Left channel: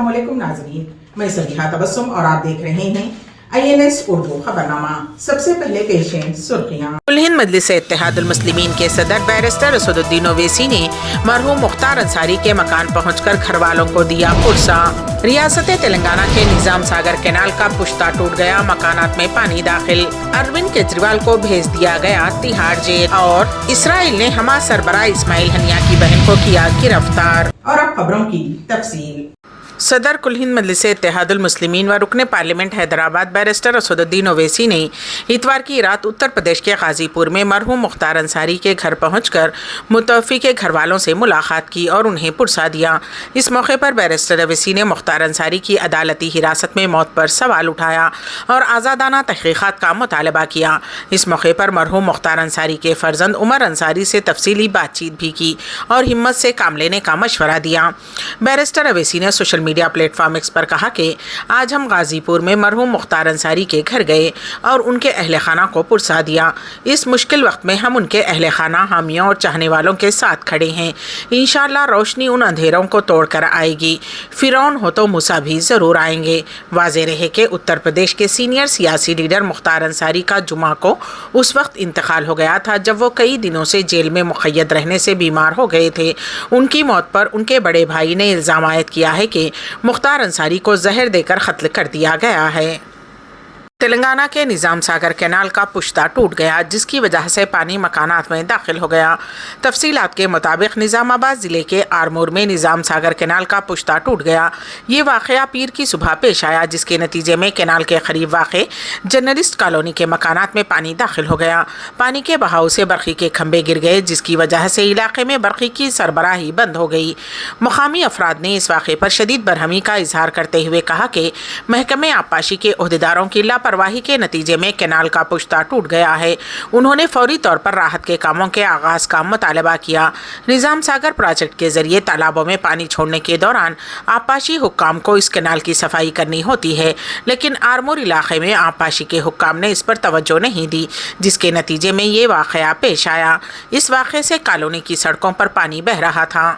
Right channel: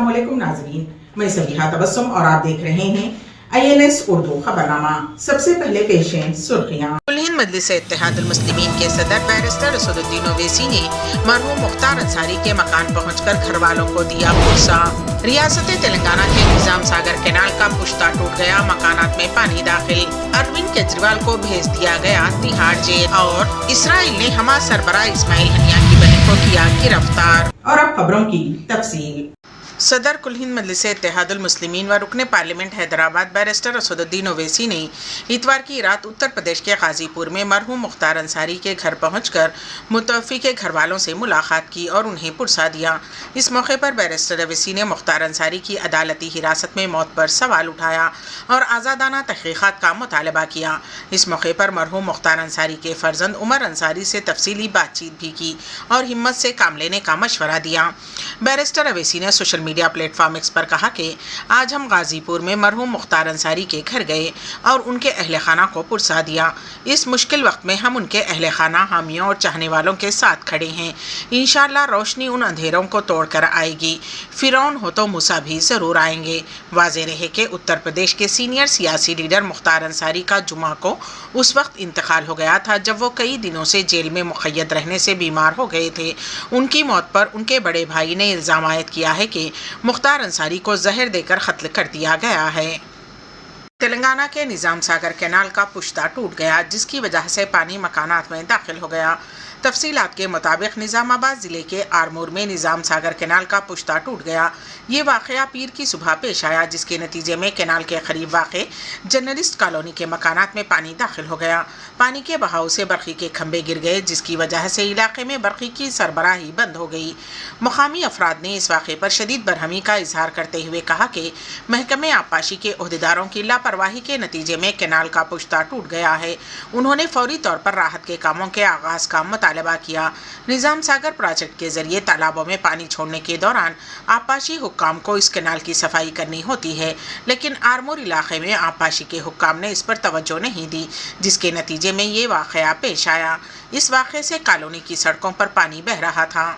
अस्सलामुअलैकुम नाज़रीन, मैं सबिहा तबस्सुम और आप देख रहे हैं INS उर्दू खबरनामा। सबसे पहले पेश हैं सुर्खियां। हिंद मजलिस इत्तेहादुल मुस्लिमीन के सदर बैरिस्टर असदुद्दीन ओवैसी ने मरहूम मुख्तार अंसारी के मकान पहुंचकर घर वालों को दिया पुरसा। रियासत तेलंगाना के निजाम सागर कैनाल का पुश्ता टूट गया, मकानात में पानी दाखिल। अरविंद केजरीवाल को भेज दिया गया तिहाड़ जेल। और इसराइल ने हमास सरबराह इस्माइल हनिया की बहन को किया गिरफ्तार। और अब खबरों की तफसील। सदर कुल हिंद मजलिस इत्तेहादुल मुस्लिमीन व रुकन पार्लियामेंट हैदराबाद बैरिस्टर असदुद्दीन ओवैसी ने इतवार की रात उत्तर प्रदेश के गाजीपुर में मरहूम मुख्तार अंसारी के घर पहुंचकर मुतवफ़ी के घर वालों से मुलाकात की और उन्हें पुरसा दिया। इस मौके पर बैरिस्टर ओवैसी ने मुख्तार अंसारी की अदालती हिरासत में मौत पर सवाल उठाया और आज़ादाना तहक़ीक़ात का मुतालबा किया। इस मौके पर मरहूम मुख्तार अंसारी के फ़र्जंद उमर अंसारी से तफसीली बातचीत भी की और हिम्मत से काम लेने का मशवरा दिया। बैरिस्टर ओवैसी ने सोशल मीडिया प्लेटफॉर्म एक्स पर कहा कि आज हम गाजीपुर में मरहूम मुख्तार अंसारी के घर गए और उनके अहले खाना को पुरसा दिया। इस मुश्किल वक्त में हम उनके अहले खाना, हामियों और चाहने वालों के साथ खड़े हैं। इंशाअल्लाह रोशनी उन अंधेरों को तोड़कर आएगी। फिरौन हो तो मूसा भी ज़रूर आएंगे। वाज़ेह रहे कि उत्तर प्रदेश के सीनियर सियासी लीडर मुख्तार अंसारी का जुमा को उस वक्त इंतकाल हो गया था जब वो कई दिनों से जेल में मुक़य्यद रहने से बीमार हो गए थे। उनकी मौत पर उनके बड़े भाई ने इल्ज़ाम आयद किया है कि मुख्तार अंसारी को जहर देकर कत्ल कर दिया गया है। तेलंगाना के निजाम सागर कैनाल का पुश्ता टूट गया, जिसकी वजह से पानी मकानात में दाखिल हो गया। तफसीलात के मुताबिक निज़ामाबाद ज़िले के आरमूर में निजाम सागर कैनाल का पुश्ता टूट गया। ये वाक़या पीर की सुबह पेश आया, जिसके नतीजे में कैनाल के करीब वाक़े जर्नलिस्ट कॉलोनी के मकानात में पानी दाखिल हो गया। पानी के बहाव से बरक़ी के खंभे गिर गए, जिसकी वजह से इलाके में बरक़ी की सरबराही बंद हो गई। मुकामी अफराद ने इस वाक़े पर शदीद बरहमी का इजहार करते हुए कहा कि महकमे आबपाशी के ओहदेदारों की लापरवाही के नतीजे में कैनाल का पुश्ता टूट गया है। उन्होंने फौरी तौर पर राहत के कामों के आगाज का मुतालबा किया। निजाम सागर प्रोजेक्ट के जरिए तालाबों में पानी छोड़ने के दौरान आबपाशी हुक्काम को इस कैनाल की सफाई करनी होती है, लेकिन आरमूर इलाके में आबपाशी के हुक्काम ने इस पर तवज्जो नहीं दी, जिसके नतीजे में ये वाक़या पेश आया। इस वाक़े से कॉलोनी की सड़कों पर पानी बह रहा था।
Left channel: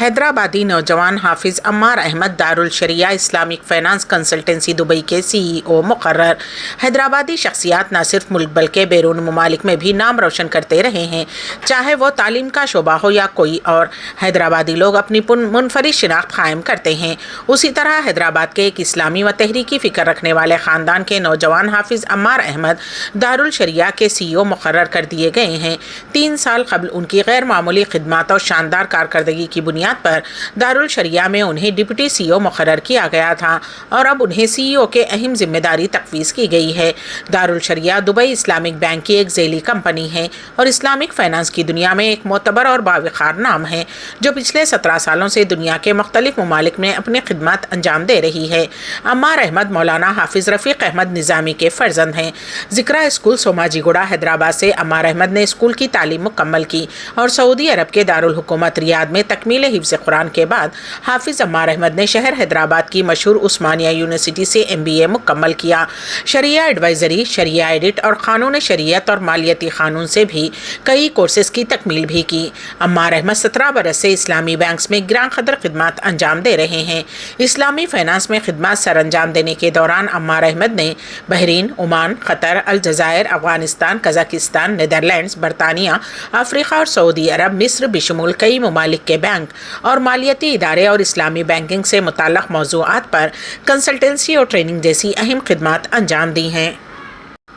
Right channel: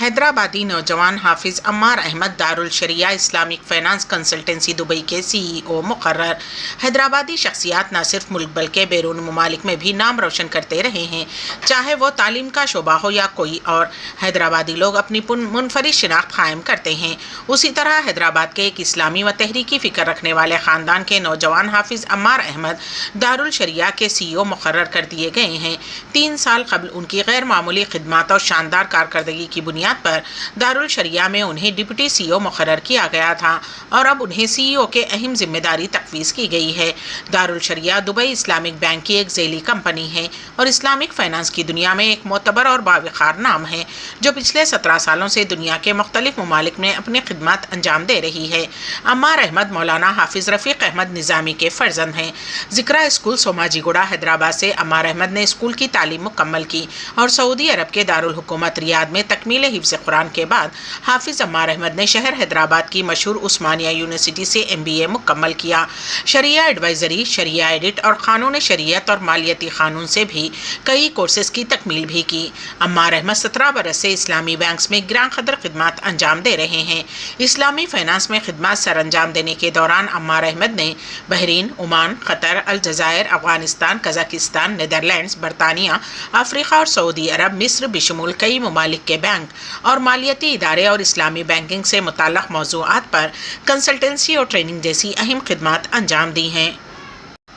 हैदराबादी नौजवान हाफिज़ अम्मार अहमद दारुल शरिया इस्लामिक फ़ाइनेंस कंसल्टेंसी दुबई के CEO मुकर्रर। हैदराबादी शख्सियात न सिर्फ मुल्क बल्कि बैरून ममालिक में भी नाम रोशन करते रहे हैं, चाहे वो तालीम का शोबा हो या कोई और। हैदराबादी लोग अपनी मुनफरिद शिनाख्त कायम करते हैं। उसी तरह हैदराबाद के एक इस्लामी व तहरीकी फ़िक्र रखने वाले ख़ानदान के नौजवान हाफिज़ अम्मार अहमद दारुल शरिया के CEO मुकर्रर कर दिए गए हैं। 3 साल कबल उनकी गैर मामूली खिदमत और शानदार कारकर्दगी की बुनियाद पर दारुल शरिया में उन्हें डिप्टी CEO मुकर्रर किया गया था और अब उन्हें CEO के अहम जिम्मेदारी तफवीज़ की गई है। दारुल शरिया दुबई इस्लामिक बैंक की एक ज़ैली कंपनी है और इस्लामिक फ़ाइनेंस की दुनिया में एक मोतबर और बावकार नाम है, जो पिछले 17 सालों से दुनिया के मुख्तलिफ ममालिक में अपनी खिदमत अंजाम दे रही है। अम्मार अहमद मौलाना हाफिज़ रफ़ीक अहमद निज़ामी के फ़र्जंद हैं। ज़िक्रा स्कूल सोमाजीगुड़ा हैदराबाद से अम्मार अहमद ने स्कूल की तालीम मुकम्मल की और सऊदी अरब के दारुल हुकूमत रियाद में तकमील हिफ्ज़ कुरान के बाद हाफिज़ अम्मार अहमद ने शहर हैदराबाद की मशहूर उस्मानिया यूनिवर्सिटी से MBA मुकम्मल किया। शरिया एडवाइज़री, शरिया एडिट और क़ानून शरीयत और मालियती क़ानून से भी कई कोर्सेज़ की तकमील भी की। अम्मार अहमद 17 बरस से इस्लामी बैंक्स में गिरां क़दर खिदमत अंजाम दे रहे हैं। इस्लामी फ़ाइनेंस में खिदमत सर अंजाम देने के दौरान अम्मार अहमद ने बहरीन, ओमान, क़तर, अलजज़ायर, अफ़गानिस्तान, कज़ाकिस्तान, नीदरलैंड्स, बरतानिया, अफ्रीका और सऊदी अरब, मिस्र बिशमूल कई ममालिक के बैंक और मालियती इदारे और इस्लामी बैंकिंग से मुताल्लिक़ मौज़ूआत पर कंसल्टेंसी और ट्रेनिंग जैसी अहम खिदमत अंजाम दी हैं।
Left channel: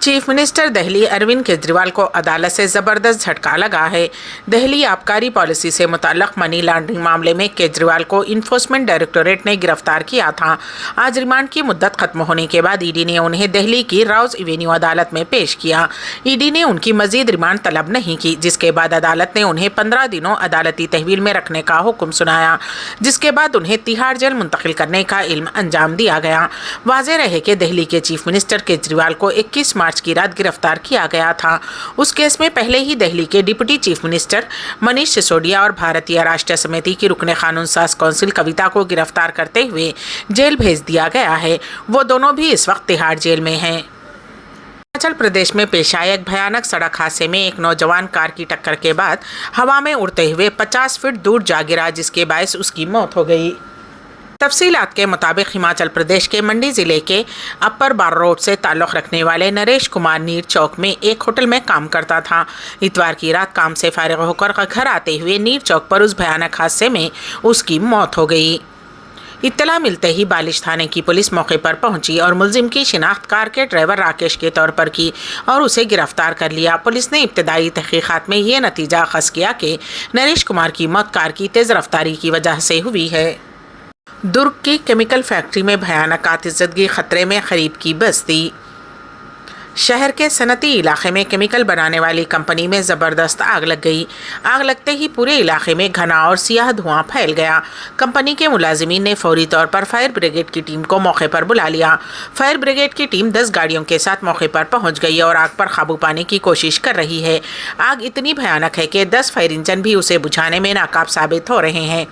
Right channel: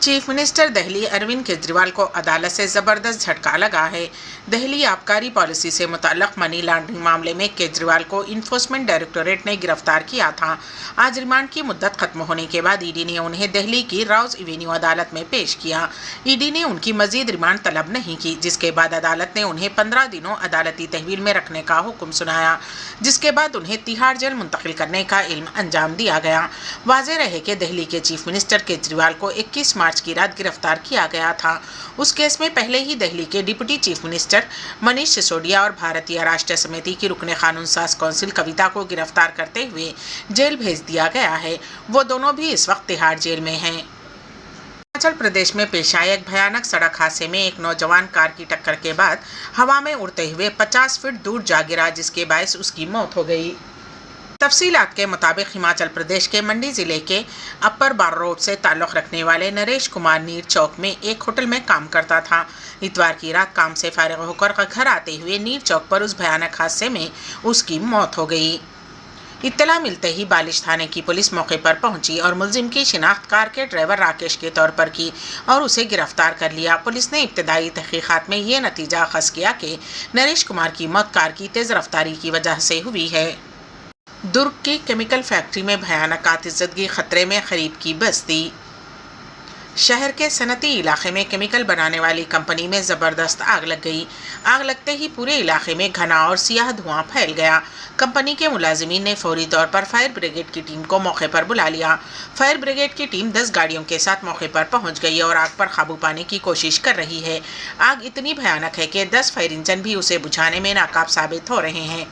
चीफ मिनिस्टर दिल्ली अरविंद केजरीवाल को अदालत से ज़बरदस्त झटका लगा है। दिल्ली आबकारी पॉलिसी से मुताल्लिक़ मनी लॉन्ड्रिंग मामले में केजरीवाल को इन्फोर्समेंट डायरेक्टोरेट ने गिरफ्तार किया था। आज रिमांड की मुद्दत ख़त्म होने के बाद ईडी ने उन्हें दिल्ली की राउज़ एवेन्यू अदालत में पेश किया। ईडी ने उनकी मज़ीद रिमांड तलब नहीं की, जिसके बाद अदालत ने उन्हें 15 दिनों अदालती तहवील में रखने का हुक्म सुनाया, जिसके बाद उन्हें तिहाड़ जेल मुंतकिल करने का इल्म अंजाम दिया गया। वाज़ेह रहे कि दिल्ली के चीफ मिनिस्टर केजरीवाल को 21 मार्च की रात गिरफ्तार किया गया था। उस केस में पहले ही दिल्ली के deputy chief minister Manish Sisodia और भारतीय राष्ट्रीय समिति की रुकने कानून साज कौंसिल कविता को गिरफ्तार करते हुए जेल भेज दिया गया है। वो दोनों भी इस वक्त तिहाड़ जेल में हैं। हिमाचल प्रदेश में पेश आए एक भयानक सड़क हादसे में एक नौजवान कार की टक्कर के बाद हवा में उड़ते हुए 50 फीट दूर जा गिरा, जिसके बायस उसकी मौत हो गई। तफसीलात के मुताबिक हिमाचल प्रदेश के मंडी ज़िले के अपर बार रोड से ताल्लुक़ रखने वाले नरेश कुमार नीर चौक में एक होटल में काम करता था। इतवार की रात काम से फारिग होकर घर आते हुए नीर चौक पर उस भयानक हादसे में उसकी मौत हो गई। इत्तला मिलते ही बालिश थाने की पुलिस मौके पर पहुंची और मुलजिम की शिनाख्त कार के ड्राइवर राकेश के तौर पर की और उसे गिरफ्तार कर लिया। पुलिस ने इब्तदाई तहकीकात में ये नतीजा अखज़ किया कि नरेश कुमार की मौत कार की तेज़ रफ्तारी की वजह से हुई है। दुर्ग की केमिकल फैक्ट्री में भयानक आतिशज़दगी, खतरे में गरीब की बस्ती। शहर के सनती इलाके में केमिकल बनाने वाली कंपनी में ज़बरदस्त आग लग गई। आग लगते ही पूरे इलाके में घना और सियाह धुआं फैल गया। कंपनी के मुलाजिमीन ने फौरी तौर पर फायर ब्रिगेड की टीम को मौके पर बुला लिया। फायर ब्रिगेड की टीम 10 गाड़ियों के साथ मौके पर पहुंच गई और आग पर काबू पाने की कोशिश कर रही है। आग इतनी भयानक है कि 10 फायर इंजन भी उसे बुझाने में नाकाब साबित हो रहे हैं।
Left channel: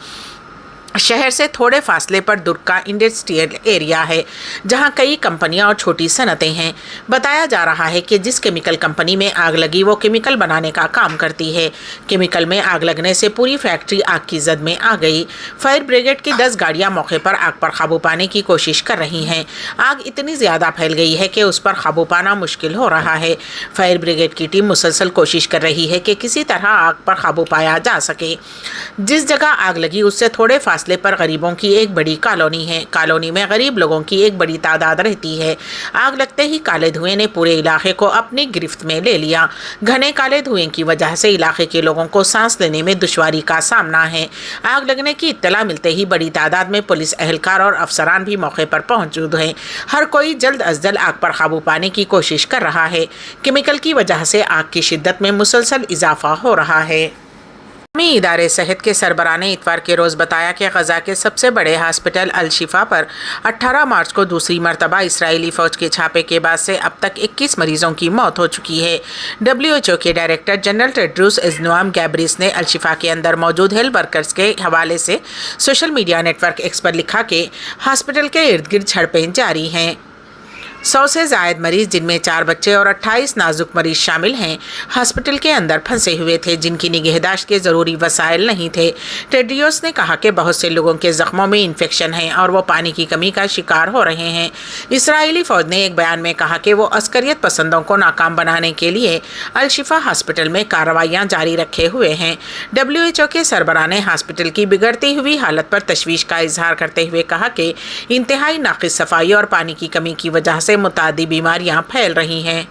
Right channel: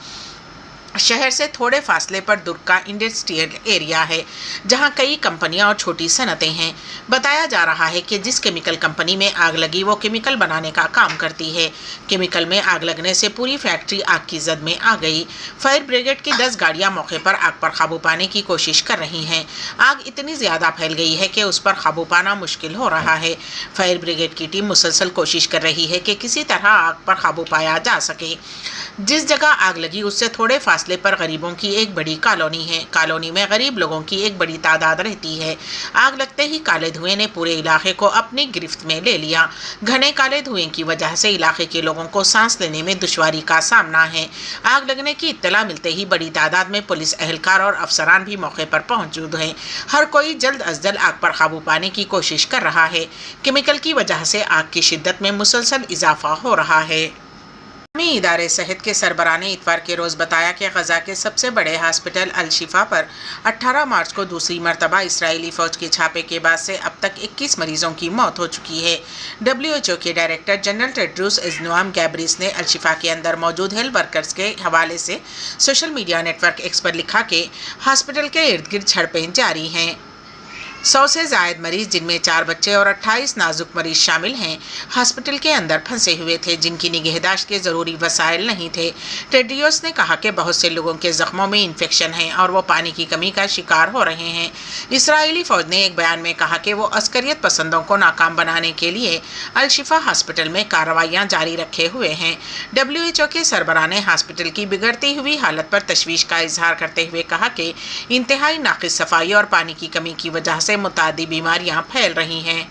शहर से थोड़े फासले पर दुर्ग का इंडस्ट्रियल एरिया है, जहां कई कंपनियां और छोटी सनतें हैं। बताया जा रहा है कि जिस केमिकल कंपनी में आग लगी वो केमिकल बनाने का काम करती है। केमिकल में आग लगने से पूरी फैक्ट्री आग की जद में आ गई। फायर ब्रिगेड की 10 गाड़ियां मौके पर आग पर काबू पाने की कोशिश कर रही हैं। आग इतनी ज़्यादा फैल गई है कि उस पर काबू पाना मुश्किल हो रहा है। फायर ब्रिगेड की टीम मुसलसल कोशिश कर रही है कि किसी तरह आग पर काबू पाया जा सके। जिस जगह आग लगी उससे थोड़े फासले पर गरीबों की एक बड़ी कॉलोनी है। कॉलोनी में गरीब लोगों की एक बड़ी तादाद रहती है। आग लगते ही काले धुएं ने पूरे इलाके को अपनी गिरफ्त में ले लिया। घने काले धुएं की वजह से इलाके के लोगों को सांस लेने में दुश्वारी का सामना है। आग लगने की इत्तला मिलते ही बड़ी तादाद में पुलिस एहलकार और अफसरान भी मौके पर मौजूद हैं। हर कोई जल्द अज जल्द आग पर काबू पाने की कोशिश कर रहा है। केमिकल की वजह से आग की शिद्दत में मुसलसल इजाफा हो रहा है। इदारे सेहत के सरबराह ने इतवार के रोज़ बताया कि गजा के सबसे बड़े हॉस्पिटल अल शिफा पर 18 मार्च को दूसरी मरतबा इसराइली फ़ौज के छापे के बाद से अब तक 21 मरीजों की मौत हो चुकी है। WHO के डायरेक्टर जनरल टेड्रोस अदनोम गैब्रियस ने अल शिफा के अंदर मौजूद हेल्थ वर्कर्स के हवाले से सोशल मीडिया नेटवर्क एक्स पर लिखा कि हॉस्पिटल के इर्द गिर्द झड़पें जारी हैं। 100 से ज़ायद मरीज़, जिनमें 4 बच्चे और 28 नाजुक मरीज़ शामिल हैं, हॉस्पिटल के अंदर फंसे हुए थे, जिनकी निगहदाश्त के ज़रूरी वसाइल नहीं थे। टेड्रियोस ने कहा कि बहुत से लोगों के ज़ख्मों में इन्फेक्शन है और वो पानी की कमी का शिकार हो रहे हैं। इसराइली फ़ौज ने एक बयान में कहा कि वो अस्करियत पसंदों को नाकाम बनाने के लिए अल शिफा हॉस्पिटल में कार्रवाइयाँ जारी रखे हुए हैं। WHO के सरबराह ने हॉस्पिटल की बिगड़ती हुई हालत पर तशवीश का इजहार करते हुए कहा कि इंतहाई नाक़िस सफाई और पानी की कमी की वजह से मुतादी बीमारियां फैल रही हैं।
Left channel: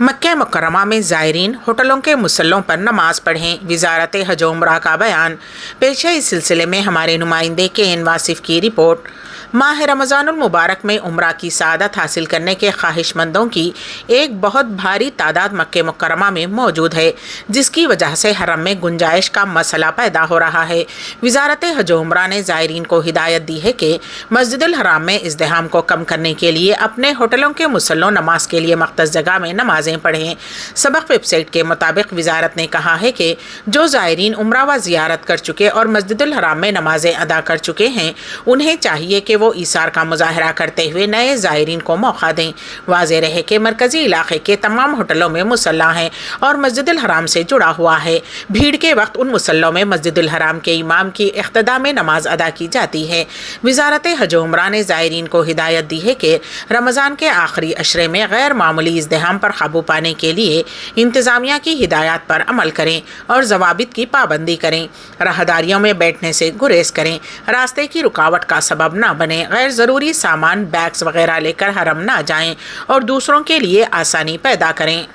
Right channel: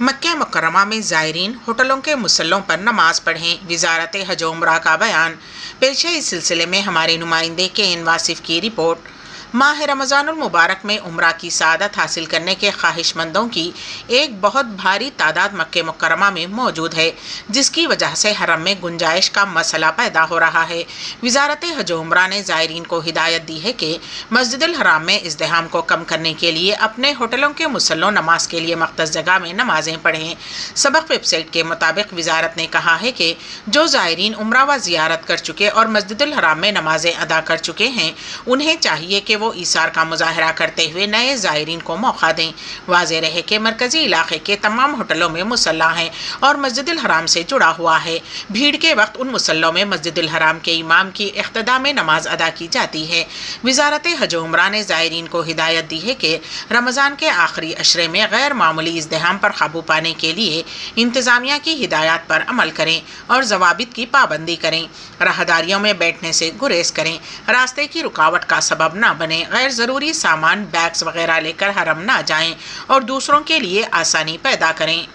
मक्का मुकर्रमा में ज़ायरीन होटलों के मुसल्लों पर नमाज पढ़ें, वज़ारत हज व उम्रा का बयान पेश है। इस सिलसिले में हमारे नुमाइंदे KN वासिफ की रिपोर्ट। माह रमज़ानुल मुबारक में उम्रा की सादत हासिल करने के ख्वाहिशमंदों की एक बहुत भारी तादाद मक्के मुकर्रमा में मौजूद है, जिसकी वजह से हरम में गुंजाइश का मसला पैदा हो रहा है। वज़ारत हज व उम्रा ने ज़ायरीन को हिदायत दी है कि मस्जिदुल हराम में इज़्दिहाम को कम करने के लिए अपने होटलों के मुसल्लों नमाज के लिए मख्तस जगह में नमाजें पढ़ें। सबक वेबसाइट के मुताबिक वज़ारत ने कहा है कि जो ज़ायरीन उम्रा व ज़ियारत कर चुके और मस्जिदुल हराम में नमाजें अदा कर चुके हैं, उन्हें चाहिए कि वो ईसार का मुजाहरा करते हुए नए ज़ायरीन को मौका दें। वाज़ेह रहे कि मरकज़ी इलाके के तमाम होटलों में मुसल्ला हैं और मस्जिदुल हराम से जुड़ा हुआ है। भीड़ के वक्त उन मुसल्लों में मस्जिदुल हराम के इमाम की इख्तिदा में नमाज अदा की जाती है। वज़ारत हज व उम्रा ने ज़ायरीन को हिदायत दी है कि रमज़ान के आखिरी अशरे में गैर मामूली इज़्दिहाम पर काबू पाने के लिए इंतज़ामिया की हिदायत पर अमल करें और ज़वाबित की पाबंदी करें। राहदारियों में बैठने से गुरेज करें, रास्ते की रुकावट का सबब न बने, गैर ज़रूरी सामान बैग्स वगैरह लेकर हरम ना जाएं और दूसरों के लिए आसानी पैदा करें।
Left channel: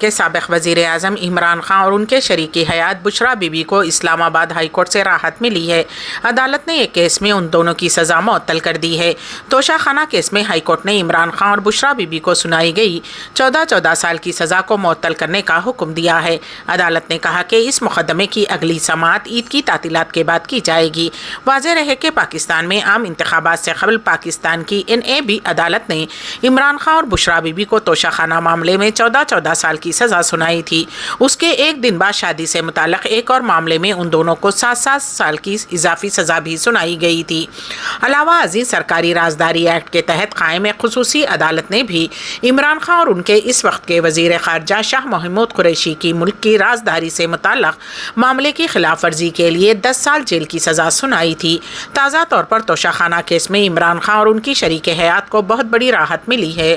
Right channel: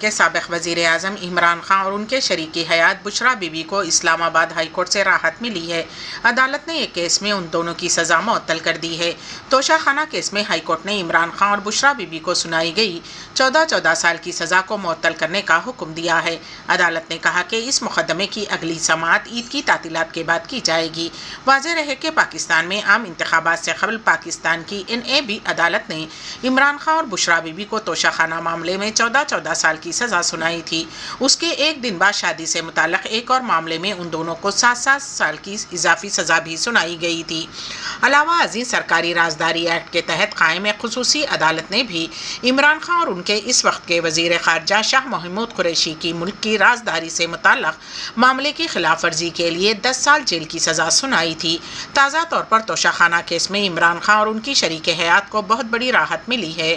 के साबिक़ वज़ीर आज़म इमरान खान और उनके शरीकी हयात बुशरा बीबी को इस्लामाबाद हाई कोर्ट से राहत मिली है। अदालत ने एक केस में उन दोनों की सज़ा मुअत्तल कर दी है। तोशाखाना केस में हाई कोर्ट ने इमरान खान और बुशरा बीबी को सुनाई गई 14 साल की सज़ा को मुअत्तल करने का हुक्म दिया है। अदालत ने कहा कि इस मुकदमे की अगली समाअत ईद की तातीलात के बाद की जाएगी। वाज़ेह रहे कि पाकिस्तान में आम इंतखाबात से कबल पाकिस्तान की NAB अदालत ने इमरान खान और बुशरा बीबी को तोशाखाना मामले में 14 साल کی سزا سنائی تھی۔ اس کے ایک دن بعد شادی سے متعلق ایک اور معاملے میں ان دونوں کو 7 سال کی اضافی سزا بھی سنائی گئی تھی۔ علاوہ ازیں سرکاری رازداری ایکٹ کے تحت قائم ایک خصوصی عدالت نے بھی عمران خان اور ان کے اس وقت کے وزیر خارجہ شاہ محمود قریشی کی ملک کی رازداری سے متعلق معاملے کی خلاف ورزی کے لیے 10 سال جیل کی سزا سنائی تھی۔ تازہ طور پر توشہ خانہ کیس میں عمران خان اور ان کی شریک حیات کو بہت بڑی راحت ملی ہے۔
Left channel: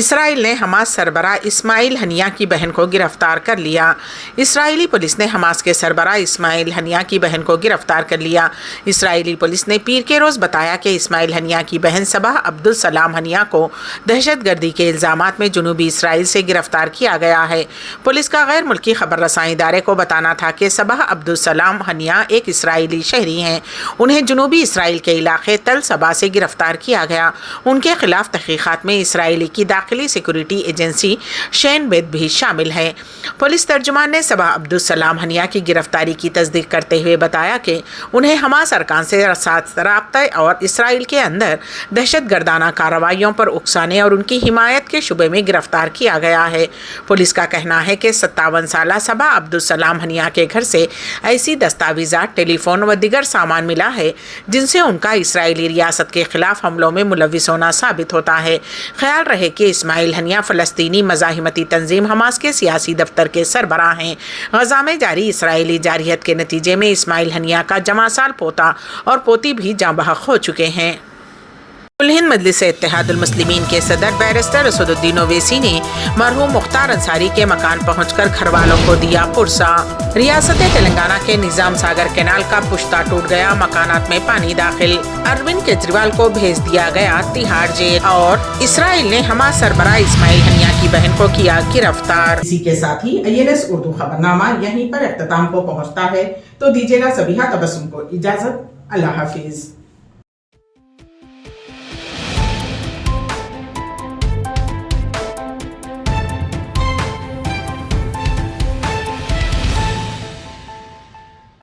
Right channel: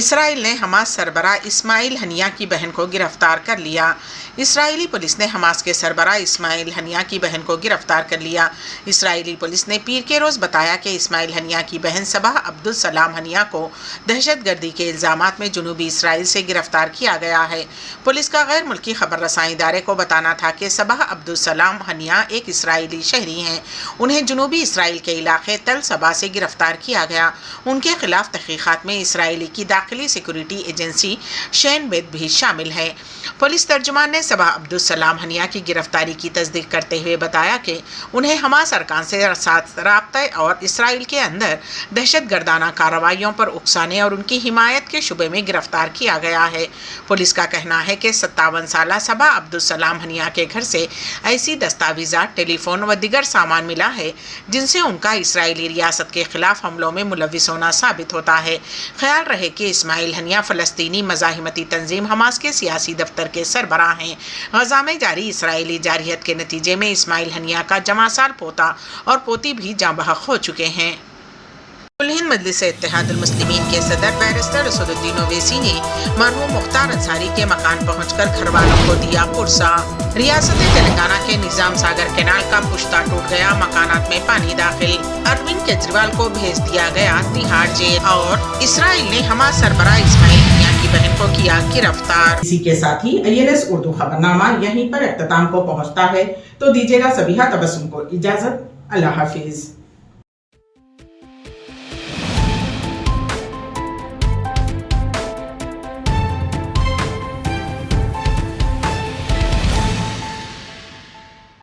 اسرائیل نے حماس سربراہ اسماعیل ہنیہ کی بہن کو گرفتار کر لیا۔ اسرائیلی پولیس نے حماس کے سربراہ اسماعیل ہنیہ کی بہن کو گرفتار کر لیا۔ اسرائیلی پولیس نے پیر کے روز بتایا کہ اسماعیل ہنیہ کی بہن صباح عبدالسلام ہنیہ کو دہشت گردی کے الزامات میں جنوبی اسرائیل سے گرفتار کیا گیا ہے۔ پولیس کا غیر ملکی خبر رساں ادارے کو بتانا تھا کہ صباح عبدالسلام ہنیہ ایک اسرائیلی شہری ہیں۔ انہیں جنوبی اسرائیل کے علاقے تل صبا سے گرفتار کیا گیا۔ ان کے خلاف تحقیقات میں اسرائیلی کی داخلی سیکورٹی ایجنسی شین بیت بھی شامل ہے۔ پولیس ترجمان نے صباح عبدالسلام ہنیہ کی گرفتاری کی تصدیق کرتے ہوئے بتایا کہ انہیں حماس ارکان سے رابطہ اور اسرائیل کے اندر دہشت گردانہ کارروائیوں پر اکسانے اور ان کی حمایت کے شبے میں گرفتار کیا گیا ہے۔ پولیس کا کہنا ہے کہ 57 سالہ صباح عبدالسلام ہنیہ کے گھر سے ایسی دستاویزات، ٹیلی فون و دیگر سامان ملا ہے جن سے ان کا اسرائیلی ریاست کے خلاف حملوں میں ملوث ہونا ثابت ہوتا ہے۔ خیال رہے کہ اسماعیل ہنیہ فلسطینی مزاحمتی تنظیم حماس کے سیاسی دفتر کے سربراہ ہیں۔ غزہ میں جاری اسرائیلی جارحیت کے نتیجے میں اسماعیل ہنیہ کا جمع سال پوتا اور پوتی بھی جاں بحق ہو چکے ہیں۔ کل ہند مجلس اتحاد المسلمین کے صدر بیرسٹر اسد الدین اویسی نے مرحوم مختار انصاری کے مکان پہنچ کر گھر والوں کو دیا پرسہ۔ ریاست تلنگانہ کے نظام ساگر کینال کا پشتہ ٹوٹ گیا، مکانات میں پانی داخل۔ اروند کیجریوال کو بھیج دیا گیا تہاڑ جیل، اور اسرائیل نے حماس سربراہ اسماعیل ہنیہ کی بہن کو کیا گرفتار۔ اسی کے ساتھ ہی INS اردو خبرنامہ یہیں پر اختتام کو پہنچتا ہے، تو دیجیے گا سبیحہ تبسم کو اجازت۔ اللہ حافظ۔